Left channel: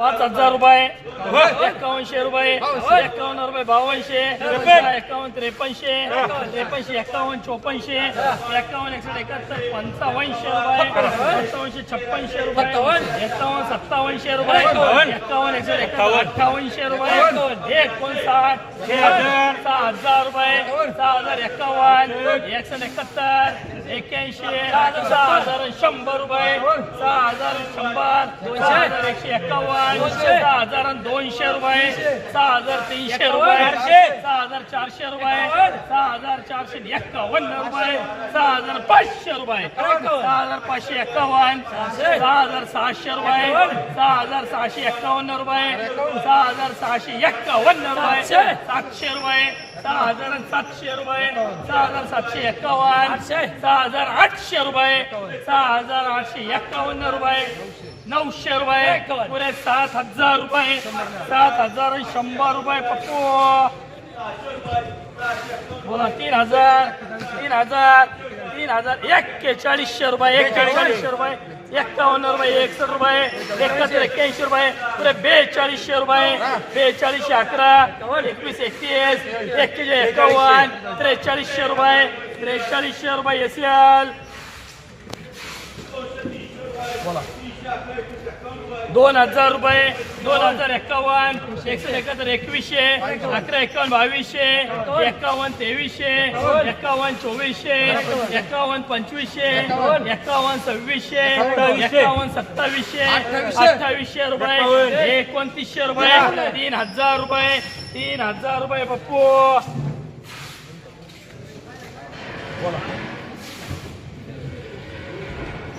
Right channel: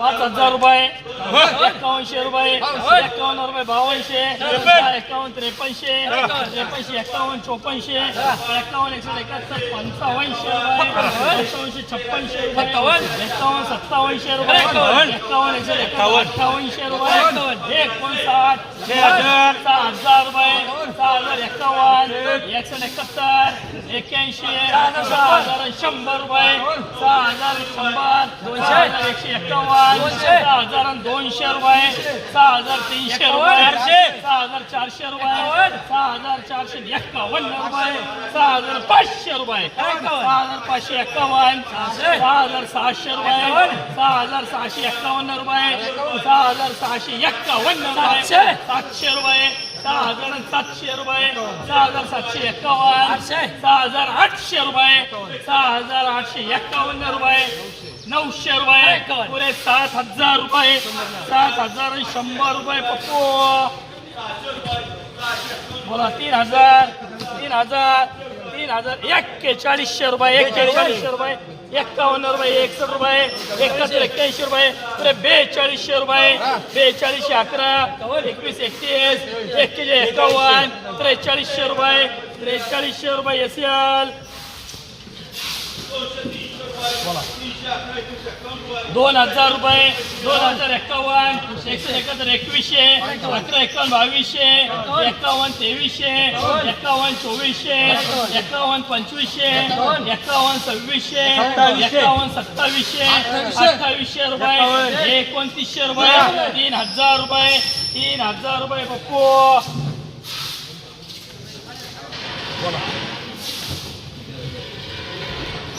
पाच हजार रुपये एकावनशे रुपये एकावन्न रुपये बावनशे एकावन्न त्रेपन्नशे त्रेपन्नशे एकावन्न चोपन्नशे एकावन्न एकशे एकाहत्तर पंचावन्नशे रुपये पंचावन्नशे छप्पनशे रुपये एकावन्न सत्तावन्नशे रुपये एकावन्न एकशे एकावन्न अठ्ठावन्नशे रुपये एकोणसाठ सहा हजार रुपये सहा हजार एकावन्न एकशे एकाहत्तर एक्याऐंशी सहा हजार शंभर रुपये सहा हजार शंभर दोनशे हजार एकशे एकावन्न सहा हजार दोनशे रुपये सहा हजार तीनशे रुपये सहा हजार चारशे रुपये सहा हजार चारशे एकावन्न रुपये सहा हजार पाचशे रुपये सहा हजार पाचशे एकावन्न सहा हजार सहाशे रुपये सहा हजार सहाशे एकावन्न रुपये सहा हजार सहाशे एकावन्न रुपये सातशे रुपये सहा हजार सातशे रुपये सहा हजार सातशे एकावन्न सहा हजार आठशे रुपये सहा हजार आठशे एकावन्न रुपये नऊशे रुपये. पुरे सात हजार रुपये. सात हजार शंभर रुपये पप्पू. बोला तीन हजार तीन हजार तीन हजार. एक्केचाळीसशे रुपये एक्केचाळीसशे रुपये एक्कावन्न रुपये एकसष्ट रुपये एकाहत्तर एक्क्याऐंशी रुपये पुरे बेचाळीसशे रुपये बेचाळीसशे अकरा एकवीस एकतीस एक्केचाळीस एकावन्न त्रेचाळीसशे रुपये त्रेचाळीसशे रुपये एस एल दोन हजार रुपये दोन हजार एक्कावन्न एकशे एकाहत्तर एकवीसशे अकरा एकावन्न बावीसशे एकावन्न तेवीसशे एकावन्न चोवीसशे एकावन्न पंचवीसशे एकावन्न सव्वीसशे एकावन्न सत्तावीसशे अठ्ठावीसशे रुपये एकोणतीसशे रुपये तीन हजार रुपये तीन हजार रुपये पप्पू.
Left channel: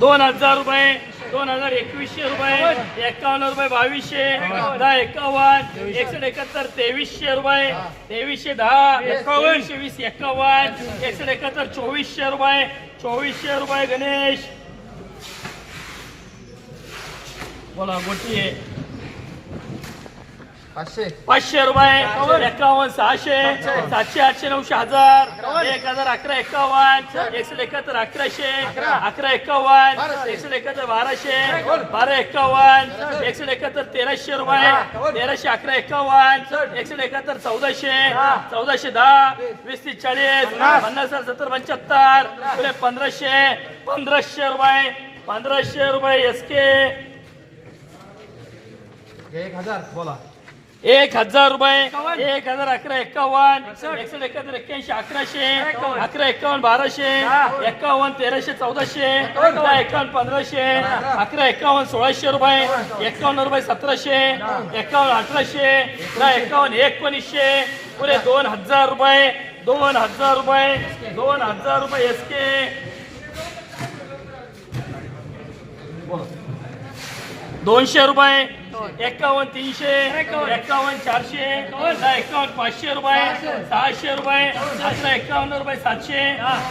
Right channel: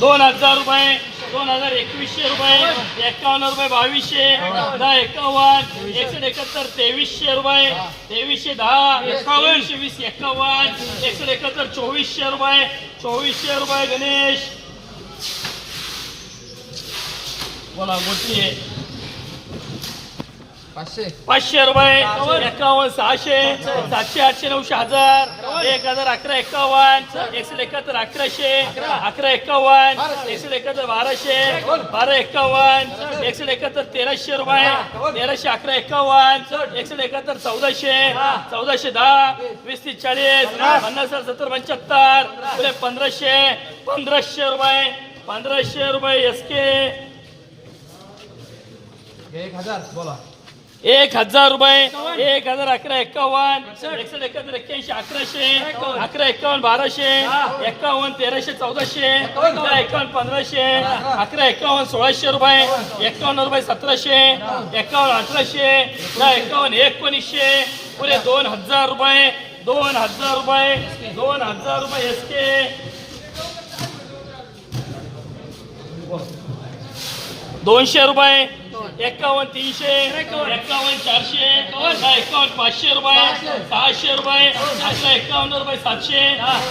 दोन हजार रुपये दोन हजार एकवीसशे रुपये एकावन्न रुपये बावीसशे दहा एकावन्न एकशे एकाहत्तर तेवीसशे रुपये तेवीसशे दहा एकावन्नशे वीस एकावन्न एकशे एकाहत्तर चोवीसशे रुपये चोवीसशे रुपये गणेश. बोला गोटी पाचशे. रुपये. एकावन्न सहाशे. सातशे आठशे नऊशे हजार. एक हजार अकरा एकावन्न. एकशे एकाहत्तर अकराशे. अकरा. एकावन्न. एकशे एकाहत्तर बाराशे. बारा एकावन्न. एकशे एकाहत्तर तेराशे रुपये. तेराशे अकरा एकावन्न. एकशे एकाहत्तर चौदाशे. चौदाशे दहा. वीस तीस चाळीस. पन्नास. सत्तर पंच्याहत्तर. पंधराशे. पंधराशे रुपये. पंधराशे रुपये एस के एक हजार बोला. एक हजार रुपये एक हजार अकरा एकावन्न एकशे एकाहत्तर एक्क्याऐंशी अकराशे अकरा एकावन्न बाराशे एकावन्न तेराशे चौदाशे दहा एकावन्न पंधराशे अकरा एकावन्न सोळाशे रुपये एकावन्न. रुपये सतराशे एकावन्न अठराशे दहा एकावन्न एकोणीसशे पुढे दोन हजार रुपये दोन हजार रुपये दोन हजार रुपये एस के दोनशे रुपये एकावन्न तीनशे एकावन्न. चारशे दहा एकावन्न पाचशे रुपये सहाशे रुपये अकरा एकावन्न रुपये सातशे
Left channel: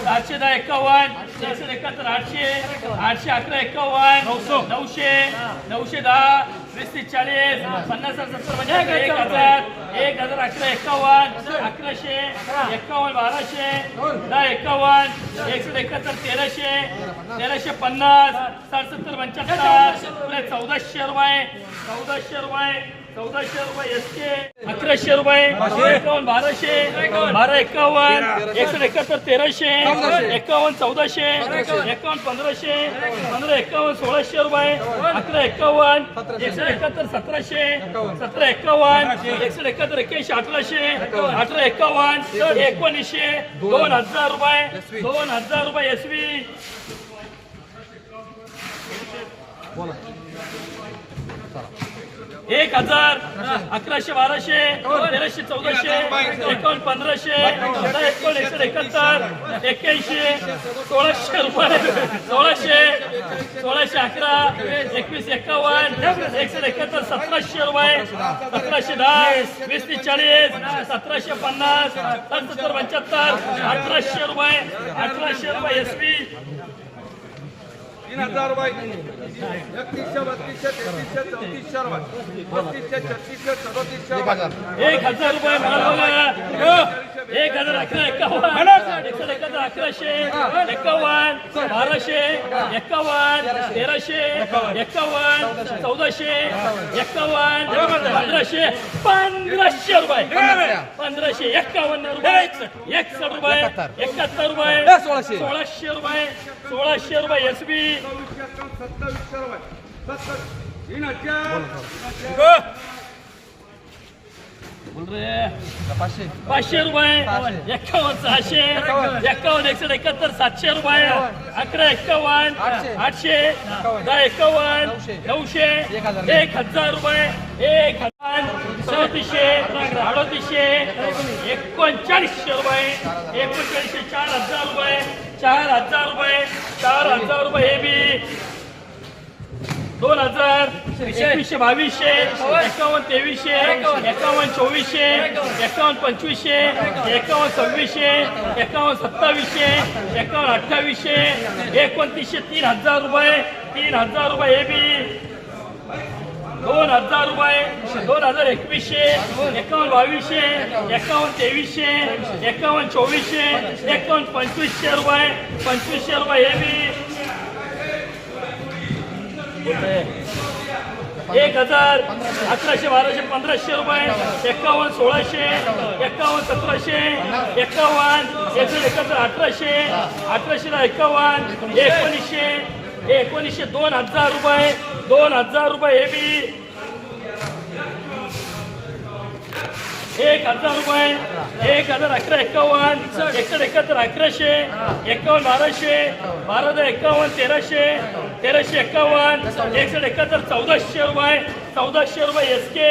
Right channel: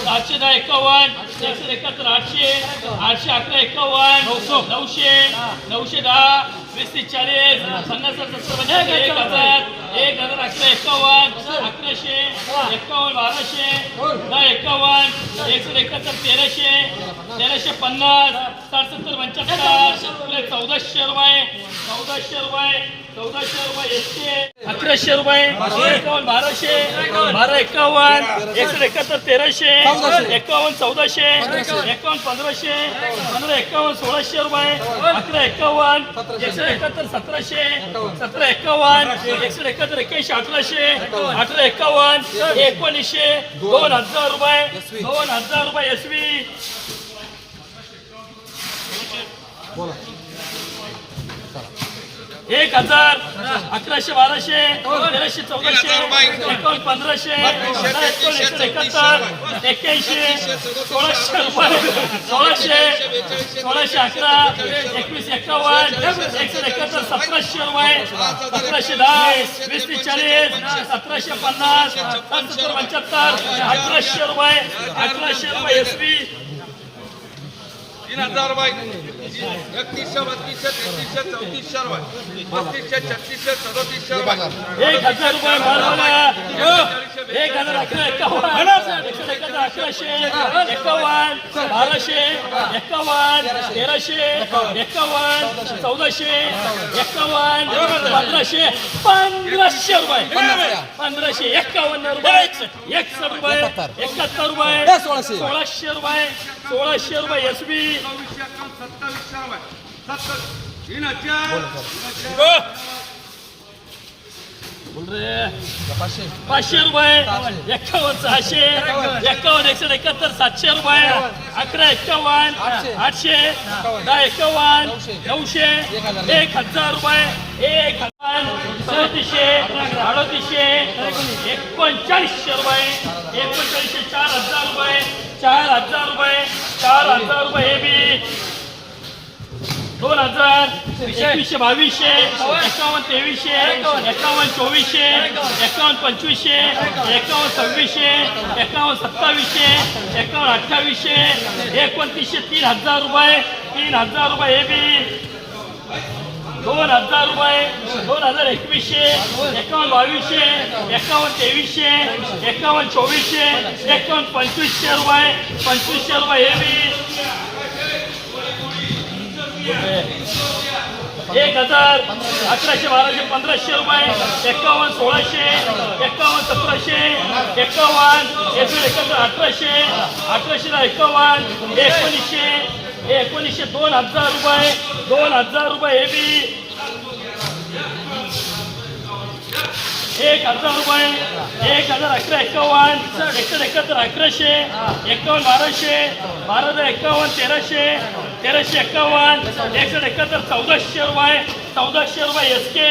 सातशे दहा एकावन्न एकशे एकाहत्तर आठशे आठशे अकरा एकावन्न नऊशे नऊशे दहा वीस तीस चाळीस पन्नास सत्तर म्हणजे एक हजार एक हजार अकरा एकावन्न अकराशे एकावन्न बाराशे दहा एकावन्न एकशे एकाहत्तर तेराशे तेराशे पन्नास साठ सत्तर पंच्याहत्तर चौदाशे रुपये चौदाशे रुपये चौदाशे रुपये एकशे अकराशे रुपये बाराशे बारा एकावन्न एकशे एकाहत्तर तेराशे एकावन्न चौदाशे एकावन्न पंधराशे पंधरा एकावन्न सोळाशे रुपये अकरा एकावन्न एकशे एकाहत्तर सतराशे सतरा एकावन्न एकशे एकाहत्तर एक्क्याऐंशी अठराशे अठरा एकावन्न एकोणीसशे दोन हजार रुपये दोन हजार रुपये एसवी बोला. एक हजार अकराशे बाराशे तेराशे चौदाशे एकोण पंधराशे एकोणीसशे एकाहत्तर एक्क्याऐंशी सोळाशे रुपये सोळाशे सोळाशे अकरा एकवीस एकावन्न एकशे एकाहत्तर सतराशे रुपये सतराशे दहा वीस ते चाळीस सतराशे पन्नास सत्तर पंच्याहत्तर अठराशे रुपये अठराशे रुपये एस पी तीन हजार रुपये एकतीसशे बत्तीसशे तेहतीसशे चौतीसशे रुपये पस्तीसशे छत्तीसशे सदोतीसशे एक हजार. रुपये मारवाला एक हजार अकरा एकावन्न. अकराशे एकावन्न बाराशे एकावन्न तेराशे एकावन्न चौदाशे एकावन्न पंधराशे. पंधराशे रुपये. पंधराशे एकावन्न रुपये. एकसष्ट रुपये. एकाहत्तर. रुपये. सोळाशे. सोळाशे रुपये. सोळाशे रुपये एस बी सत्तावीसशे रुपये सत्तर. तीन हजार बोल रे. पाचशे. पाचशे रुपये. एकावन्न सहाशे. एकावन्न एकशे एकाहत्तर सातशे रुपये. अकरा एकावन्न आठशे. दहा एकावन्न नऊशे. एक हजार. एक हजार रुपये. एक हजार. चौतीसशे. अडतीसशे. एकोणचाळीसशे रुपये. एकोणचाळीसशे चार हजार रुपये. चार हजार रुपये. चार हजार रुपये. दोन हजार एकवीसशे बावीसशे एकावन्न तेवीसशे एकावन्न. चोवीसशे एकावन्न. पंचवीसशे एकावन्न. सव्वीसशे एकावन्न सत्तावीसशे एकावन्न अठ्ठावीसशे एकोणतीसशे तीन हजार रुपये तीन हजार रुपये हे बी दोन हजार रुपये दोन हजार एकवीसशे एकावन्न बावीसशे एकावन्न तेवीसशे एकावन्न चोवीसशे एकावन्न पंचवीसशे रुपये पंचवीसशे रुपये हे बी एक हजार अकराशे बाराशे पंधराशे रुपये एकावन्न सोळाशे एकावन्न सतराशे एकावन्न एकशे एकाहत्तर अठराशे अठराशेला एकावन्न एकोणीसशे एकोणीसशे दोन हजार रुपये दोन हजार रुपये हे बी एक हजार रुपये एक हजार अकरा एकावन्न एकशे एकाहत्तर अकराशे एकावन्न बाराशे बारा हजार एकावन्न तेराशे तेराशे एकावन्न एकशे एकाहत्तर चौदाशे रुपये चौदाशे रुपये एस के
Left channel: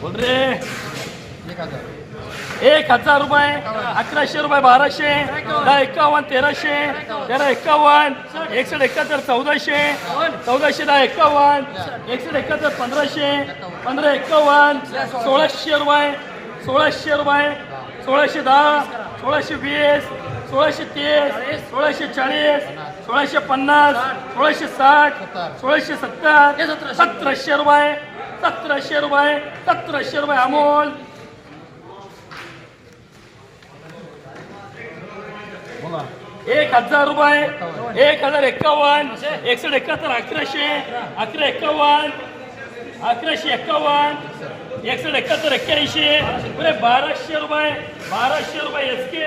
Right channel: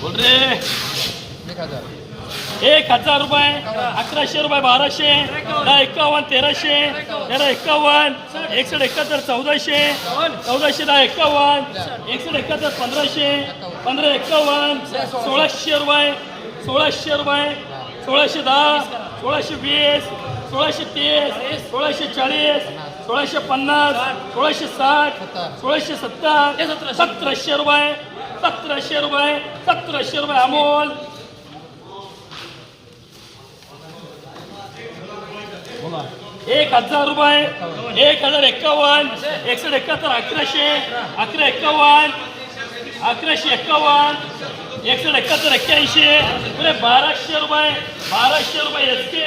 बोल रे. एक हजार रुपये अकराशे रुपये बाराशे दहा एकावन्न तेराशे तेरा एकावन्न एकशे एकाहत्तर चौदाशे चौदाशे दहा एकावन्न एकशे एकाहत्तर पंधराशे पंधरा एकावन्न सोळाशे रुपये सोळाशे रुपये सोळाशे दहा सोळाशे वीस सोळाशे तीस सोळाशे चाळीस सोळाशे पन्नास सोळाशे साठ सोळाशे सत्तर सतराशे रुपये सतराशे रुपये सतराशे रुपये अमोल एक हजार रुपये एक हजार एकावन्न एकशे एकाहत्तर अकराशे अकरा एकावन्न अकराशे एकावन्न एकशे एकाहत्तर एक्क्याऐंशी बाराशे रुपये बाराशे रुपये एस के